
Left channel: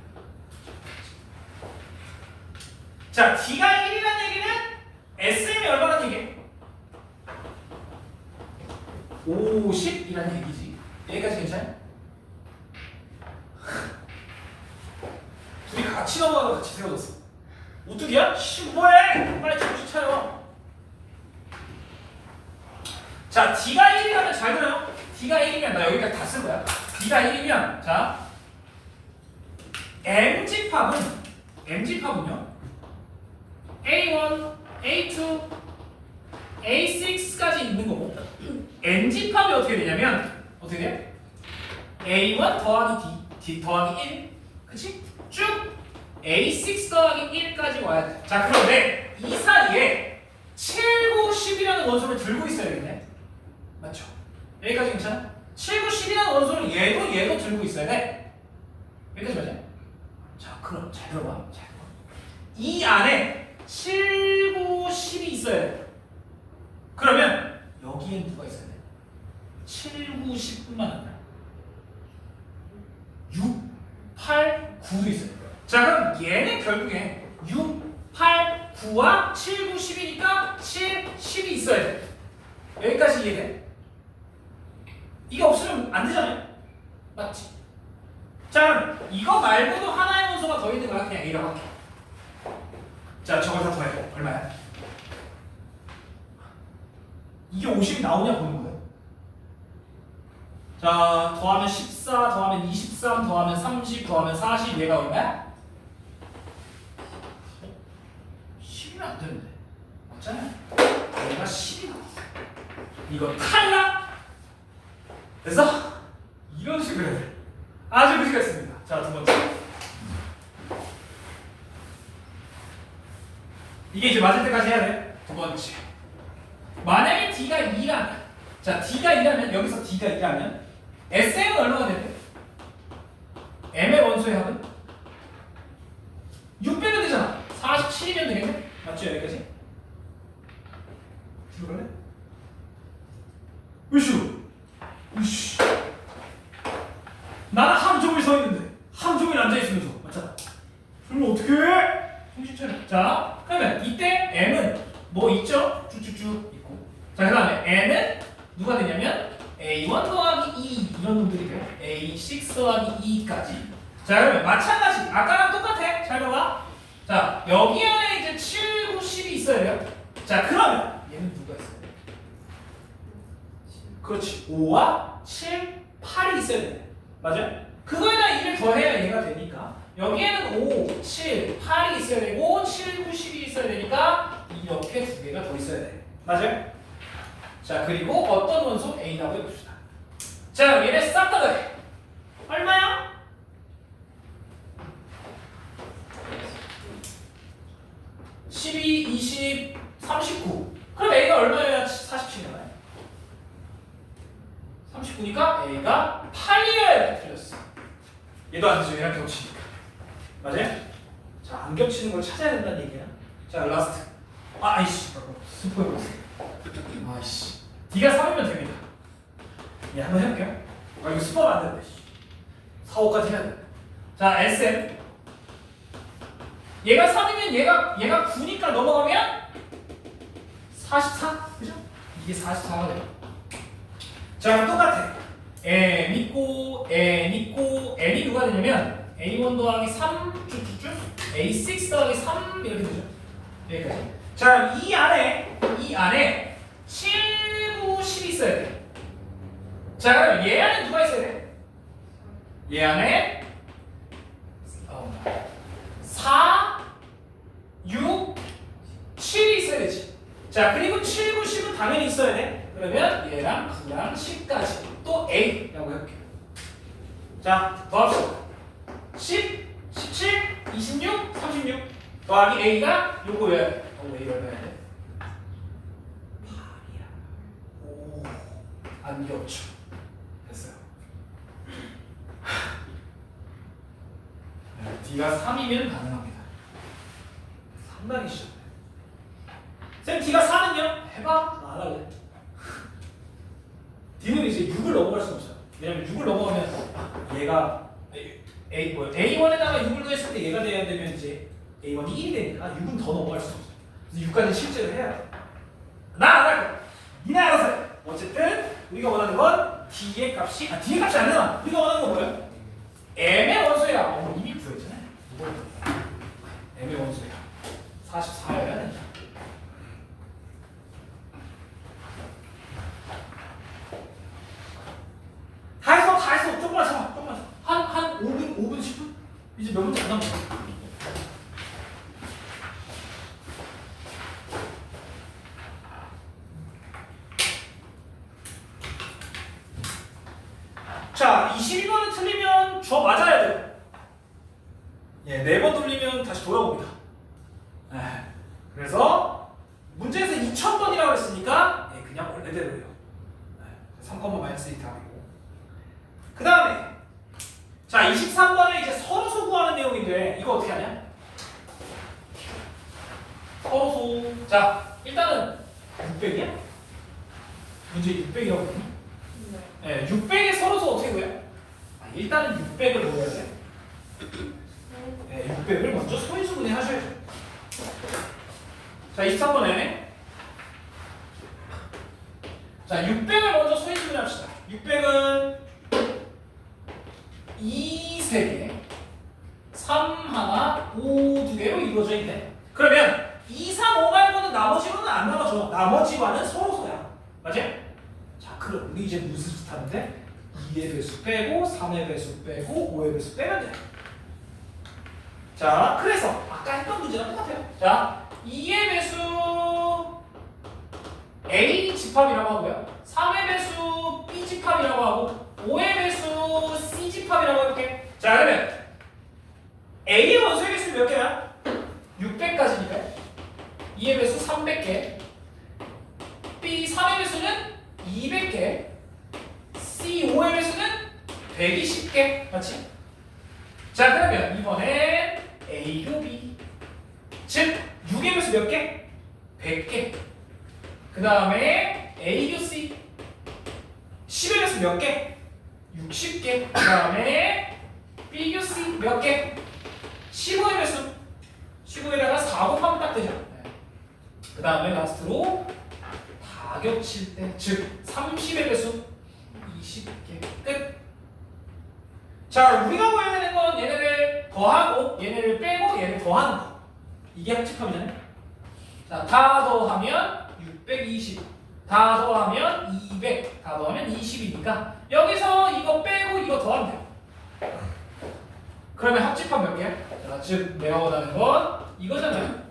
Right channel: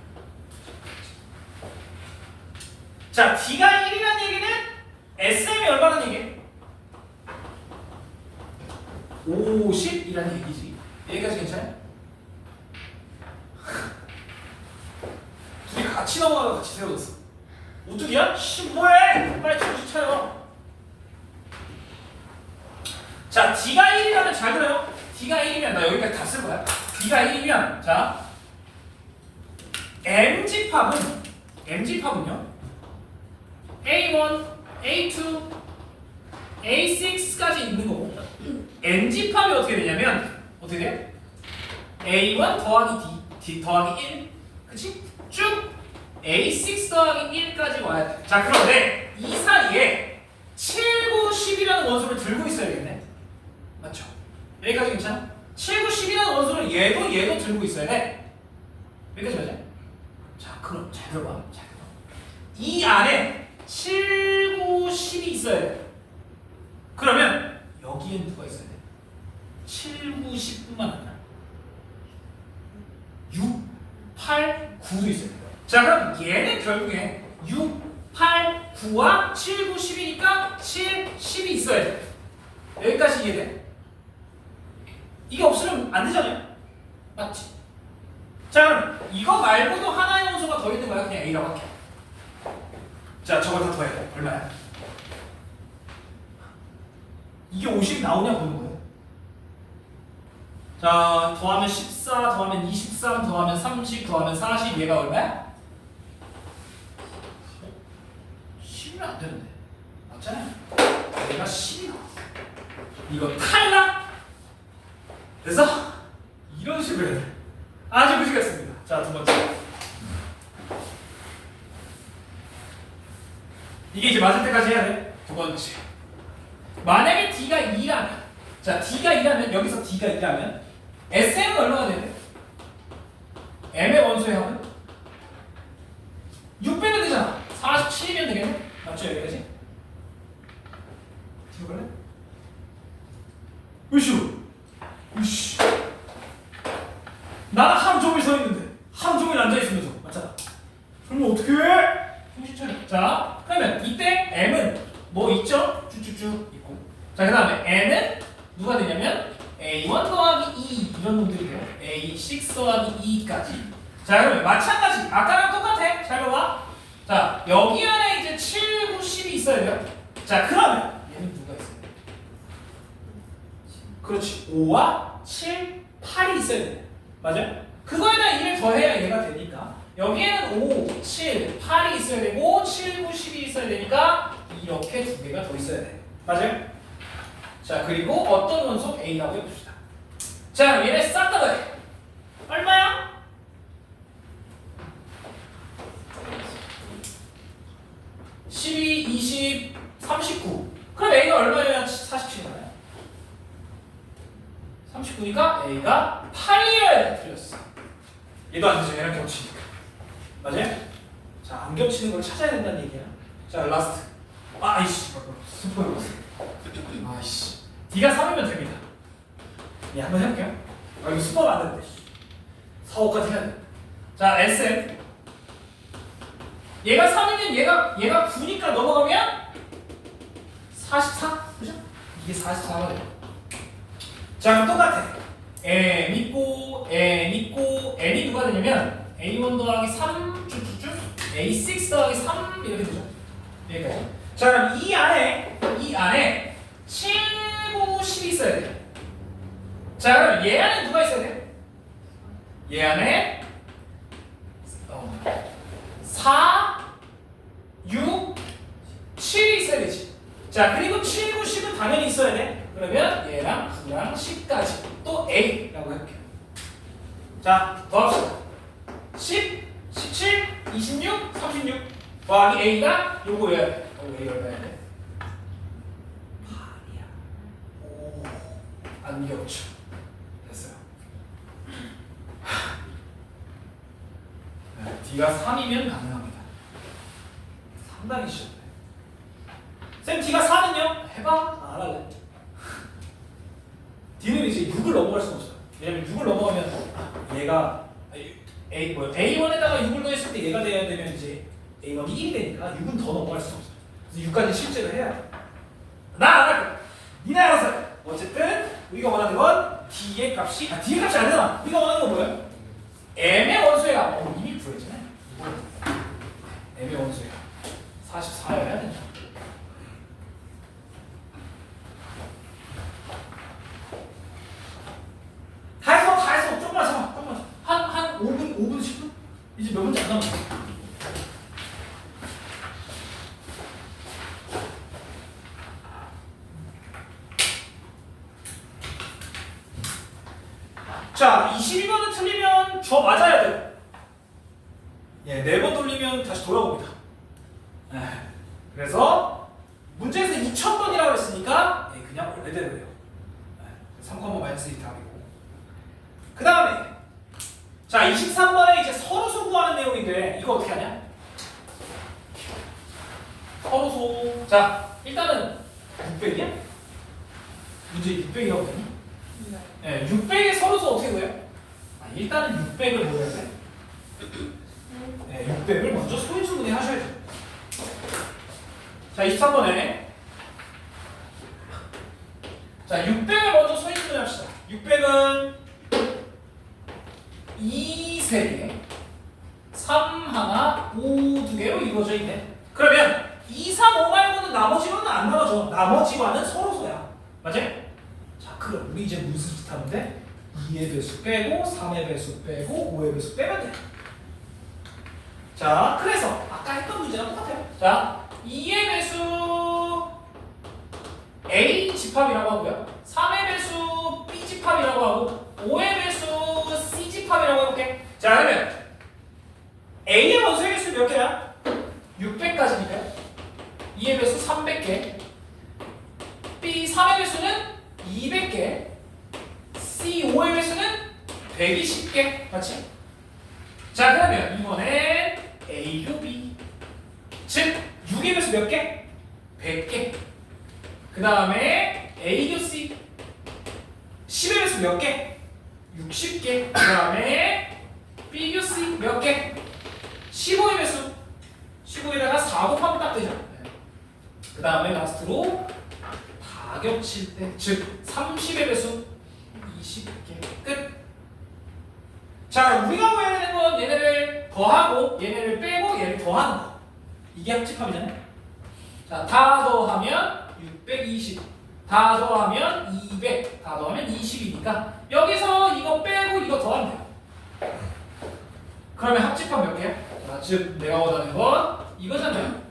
자 D가 1이라는 얘기는 SM이 얼마라는 얘기예요? 50이라는 얘기지. 여기까지 괜찮아요? 둘이 같이 넘어가고 같이 세워졌어. 우뚝이야? 뭐해? 빨리 정신 차려. 자, D가 1이라면 잘 들어요. D가 1이면 나 여기까지 다 쓸 거야. D가 1이면 자 MG팝은요 A1, A2, A6까지 있는 거고 NG팝이 어떻게 되냐면 어떻게 돼? A1 더하기 D 더하기 1 그치? 쭉 A6 더하기 1까지 와야 돼. 자 그런데 이 사이에 7, 9, 10이라는 원소를 들고 있어야겠네. 맞죠? 여기까지 괜찮아? 7, 9, 10이라는 원소를 얘도 들고 있어야 돼. 여기까지 맞아? 자 그럼 잘 들어봐. 이 안에 7, 9, 10이 있어야 돼. 그러면 여기엔 누가 있어야 돼? 7, 9, 10뿐만 아니라 6, 8, 9도 있어야 돼. 자 그럼 얘는 결국에 6, 8, 9와 7, 9, 10이니까 7, 10이 있어야 돼. 여기까지 이해돼? 이게 없으면 안 되잖아요. 맞지? 자 그럼 이거 말고도 하나의 원소가 더 있는 거야. 그냥 A라고 할게. 자 저걸 다 더해. 얼마야? 이게 50이 나오냐 보는 거예요. 자 더하면 14 더하면 23 더하면 30 더하면 40 얘가 얼마야? 10이면 안 되는데 맞잖아요. 얘가 10이 나와. 이거 탈락. 그래서 이런 식으로 해야 돼. 아주 무시겠습니다. 자 두 번째 이게 이제 맞을 때까지 해야 돼. 두 번째 만약에 D가 2라면 자 D가 2라면 여기서 D가 2라면 SM은 얼마가 되는데? M의 원소의 합은? 6 빼면 되잖아. 47이면 되겠네? 맞죠? 여기까지? 들어갈래? 으슈! 으슈! 나는 하루 종일 서 있는데 하루 종일 앉아있으면서 맞잖아. 그러면 어떡해? 정신 차려. 자 그러면 이때 M은 뭐 있죠? 쭉쭉쭉 있고 자 그 다음에 N은 누가 되냐면 A1 더하기 2 이런 놈들이 돼요. A6 더하기 2까지. 자 그러면 마찬가지 아까랑 똑같아. 잘 봐봐. 자 여기 안에 이제 7, 9, 10이 있어야 돼요. 자 그러면 얘는 누가 있어요? 그렇지 5와 7, 8이 있어야 돼. 맞아요? 그거에다 2를 더해야 얘가 되니까 여기에는 5, 7, 8이 있어야 되고 7, 9, 10이 있어야 되니까 이렇게 두 개가 더 있어야 돼. 맞아요? 자 그리고 어떤 원소 A라고 해봅시다. 자 얘네 싹 다 더해. 얼마야? (12, 20, 39) 그럼 A가 얼마여야 47이나요? 39니까 A가 8이어야 돼. 틀렸어. 얘도 안 되죠. 얘랑 겹치니까. 맞아요? 자 안 겹치는 걸 찾아야 된다는 얘기야. 자 라스트 아이씨 스포일러스 아이씨 D가 3이면 됩니다. 예 한번 해볼게요. 이거 스포하면 안 되는데 4, 5까지 해야 돼. 자 SM 얘가 3이면 얘가 9니까 넘어가면 44 그죠? 이게 44가 돼요. 자 그럼 똑같아. n 있고 n이 누가 되냐면 a1 더하기 3 쭉쭉쭉 a6 더하기 3 이렇게 되죠. 여기까지. 자, 그럼 이 안에 7, 9, 10이 있어야 돼. 자, 그럼 얘 안에 누가 있어야 돼? 얘 안에 4, 6, 7이 있어야 되지. 자, 그리고 7, 9, 10은 당연히 있어야 돼. 그러면 얘랑 9랑 10까지 또 A라고 해볼게요. 자, 더합시다. 10, 17, 26, 36 더하기 A가 요거 외워야 돼. A 얼마야 돼? 8이야. 오, 안 겹쳐. 됐어요. D가 3이면 가능합니다. 상당히 쉽네. 쌤 D가 4는요? 해봐. 안 할래. D는 이제 6을 넘어갈 수는 없어요. 왜냐면 6을 넘어가면 얘가 A1에다가 6을 넣었을 때 얘가 돼야 되면 이제 A1이 1이 되니까 6은 더 넘어갈 수는 없어요. 그래서 6까지 실제로 해야 돼. 나 안 할 거야. 니네 알아서 해. 어쨌든 우리가 원하는 건 D의 값이 D의 값이 안 되나? 우리가 원하는 건 뭐예요? M의 원소야. 이미 구해지네. M의 원소야. 44여야 된다. 다 했어. 조금만 참아. 한 5분, 10분? 이제 몇 문제 안 남았어. 자, 22번은 틀리면 저 맞아야 돼요. 예, 4번 돌리면 다시 돌아옵니다. 그래서 문제에서 2000번이라고 했으니까 그냥 원래대로 해요. 3번 마이너스 1 답이고. 그 다음에 자, 23번에 이제 서로소 구하는 내용인데 이거 어떻게 하냐? 서로소. 자, 일단은 600이야? 문제 600이라거든요. 네, 600의 서로소 어떻게 구해요? 일단은 600을 모여야 돼. 네, 600을 먼저 소인수분해 하셔야죠. 자, 23번에 자, 600을 먼저 소인수분해 합시다. 600은 2 3개, 3 하나, 5 2개로 이루어져 있네. 그러면 2, 3, 5 말고는 나머지로는 안 나와줘. 나머지와는 서로소야. 맞지? 자, 그럼 우리 이제 무슨 짓 하는데? 2의 배수 빼고 3의 배수 빼고 5의 배수 빼면 돼. 자, 그래서 아까 했던 문제랑 똑같아요. 자, 2의 배수 A 집합이라고 하고요. 3의 배수 B 집합이라고 하고 5의 배수 C 집합이라고 해볼게. 자, 그러면 A의 원소의 개수 몇 개야? 600까지니까 2의 배수 300개, B 3의 배수는 200개, C 5의 배수는 120개. 맞지? 자, 그러면 이번엔 A 교 B, 즉 6의 배수 몇 개? 100개. 그 다음에 A 교 C, 10의 배수 몇 개? 60개. 그 다음에 B 교 C 몇 개? 15의 배수. 15에다가 4 곱하면 딱 되죠. 그 다음에 라스트로 다 겹칠 때, 즉 30의 배수 20개. 끝. 자, 우리가 구해야 되는 건 얘네를 더하고 얘네를 빼고 얘를 더하는 거. 이게 합집합이잖아요. 자, 다 더하면 620, 다 더하면 200, 다 더하면 20이니까 여기서 이거 빼고 이거 더하면 돼요. 그러면 합집합 몇 개야? 자, 즉 내가 원하는 건 이거잖아요.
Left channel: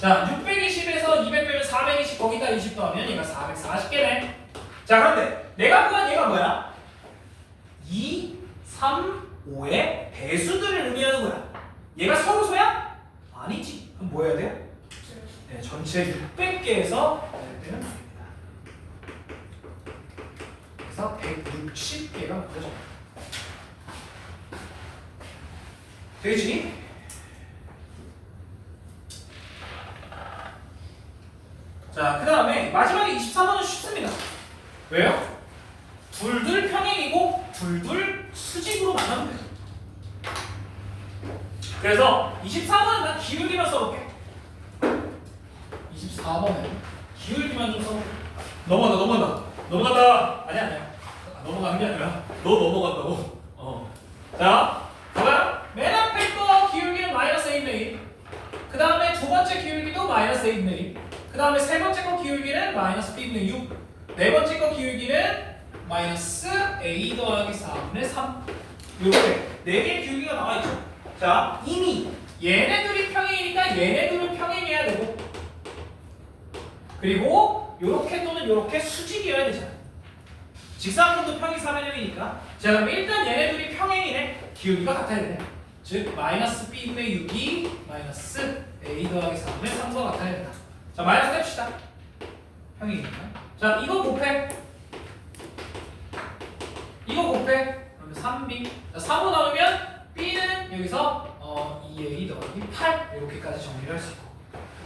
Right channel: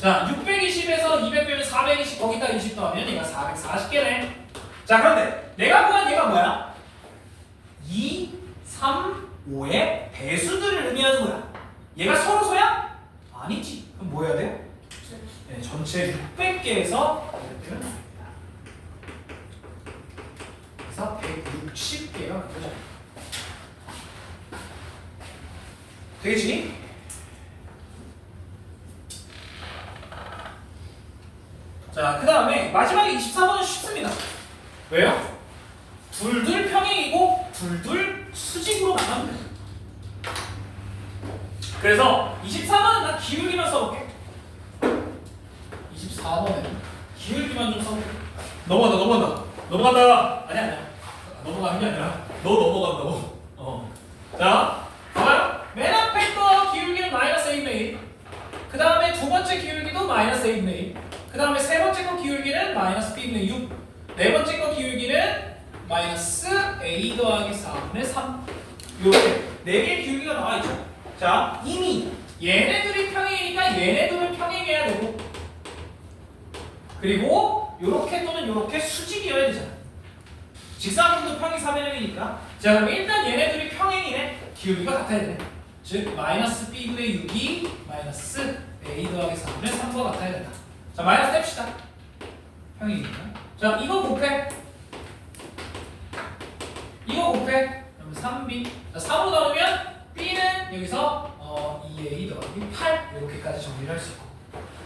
자, 620에서 200 빼면 420, 거기다 20 더하면 얘가 440개네. 자, 그런데 내가 구한 얘가 뭐야? 2, 3, 5의 배수들을 의미하는 거야. 얘가 서로소야? 아니지. 그럼 뭐 해야 돼요? 네, 전체 600개에서 빼면 됩니다. 그래서 160개가 되죠. 되겠지? 자, 그 다음에 마지막에 24번은 쉽습니다. 왜요? 둘둘 평행이고 둘둘 수직으로 나가면 돼요. 그래서 24번은 난 기울기만 써볼게. 24번에 기울기만 좀 써볼게. 넘어간다. 넘어간다. 아니야. 넘어가는 게 아니라 너 넘어간다고. 자, 봐봐요. 맨 앞에 거 기울기는 마이너스 1mm. 그 다음에 두 번째 기울기도 마이너스 1mm. 그 다음에 세 번째 거 기울기는 마이너스 B분의 6. 네 번째 거 기울기는 마이너스 A 더하기 4분의 3. 이렇게 네 개의 기울기가 나와 있죠. 자, 이미 얘네들이 평행이니까 얘네들은 평행해야 되고, 그리고 요렇게 또는 요렇게 수직이어야 되잖아. 직사각형도 평행 3변형이니까. 자, 그럼 일단 얘네들이 평행이네. 기울기가 같아야 되네. 즉 마이너스 B분의 6이 마이너스 A 더하기 4분의 3과 같아야 된다. 자, 마이너스 뗍시다. 평행이니까. 자, 이거 곱해. 이거 곱해. 그러면 3B. 자, 3으로 나오면 B는 여기서 2A 더하기 8 이렇게까지 정리를 할 수 있고.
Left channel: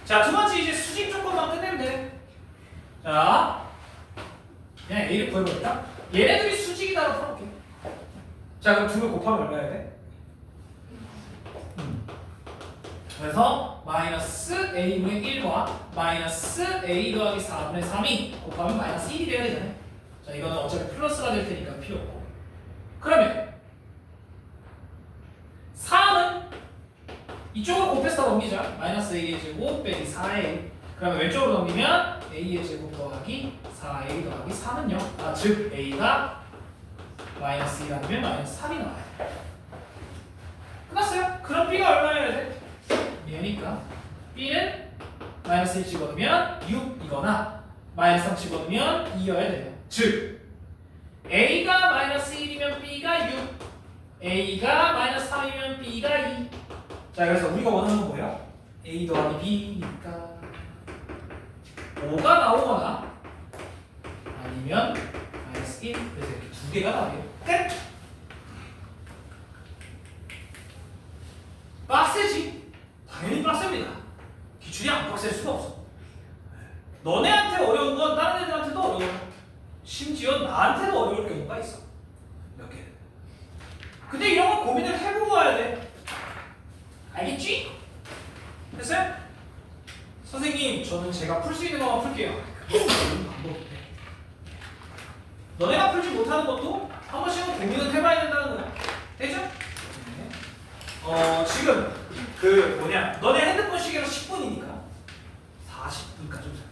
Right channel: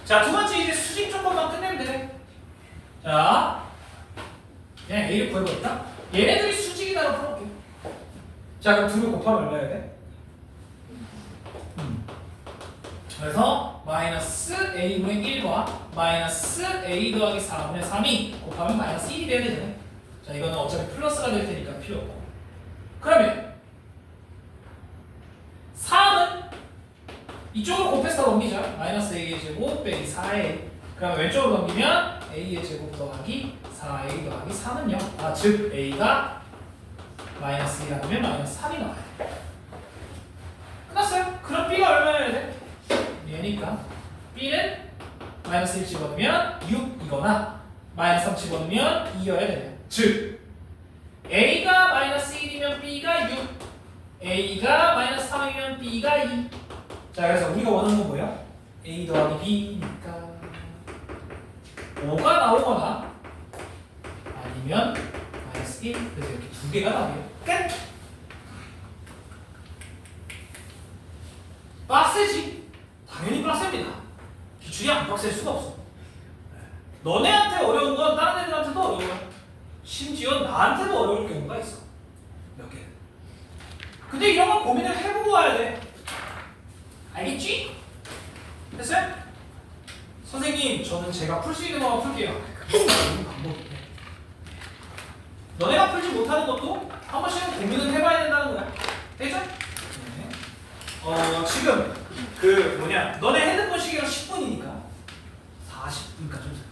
자, 두 번째 이제 수직 조건만 끝내면 돼. 자, 그냥 A를 구해버릴까? 얘네들이 수직이다로 풀어볼게. 자, 그럼 둘을 곱하면 얼마 해야 돼? 그래서 마이너스 A분의 1과 마이너스 A 더하기 4분의 3이 곱하면 마이너스 1이 돼야 되잖아요. 자, 이거는 어차피 플러스가 될 테니까 필요 없고. 그러면 3은 이쪽으로 곱해서 넘기자. 마이너스 A의 제곱 빼기 4A. 그러면 왼쪽으로 넘기면 A의 제곱 더하기 4A 더하기 3은요. 즉 A가 마이너스 1이라면 마이너스 3이 나와야 돼. 끝났어요. 그럼 B가 얼마여야 돼? 얘니까 B는 마이너스 1 집어넣으면 6이거나 마이너스 3 집어넣으면 2여야 되네요. 즉 A가 마이너스 1이면 B가 6, A가 마이너스 3이면 B가 2. 자, 그래서 우리가 원하는 건 뭐예요? A 더하기 B니까 5가 나오거나 아니면 마이너스 1. 그래서 이렇게 두 개가 나오게요. 끝! 빡세지? 당연히 빡셉니다. 기출이 안 빡셀 수가 없어. 너네한테 어려운 건 다른 애들한테도 어려워. 심지어 나한테도 어려울 경우가 있어. 몇 개. 근데 이런 거 고민을 해보고 와야 돼. 알겠지? 됐어요? 선생님, 저는 제가 풀 수 있는 것만 풀게요. 그건 방법인데. 너네가 풀지 못하는 것도 한 번씩은 고민을 해봐야 된다는 거야. 됐죠? 지금 너네 핸드폰 시계로 10분이니까 40분까지 좀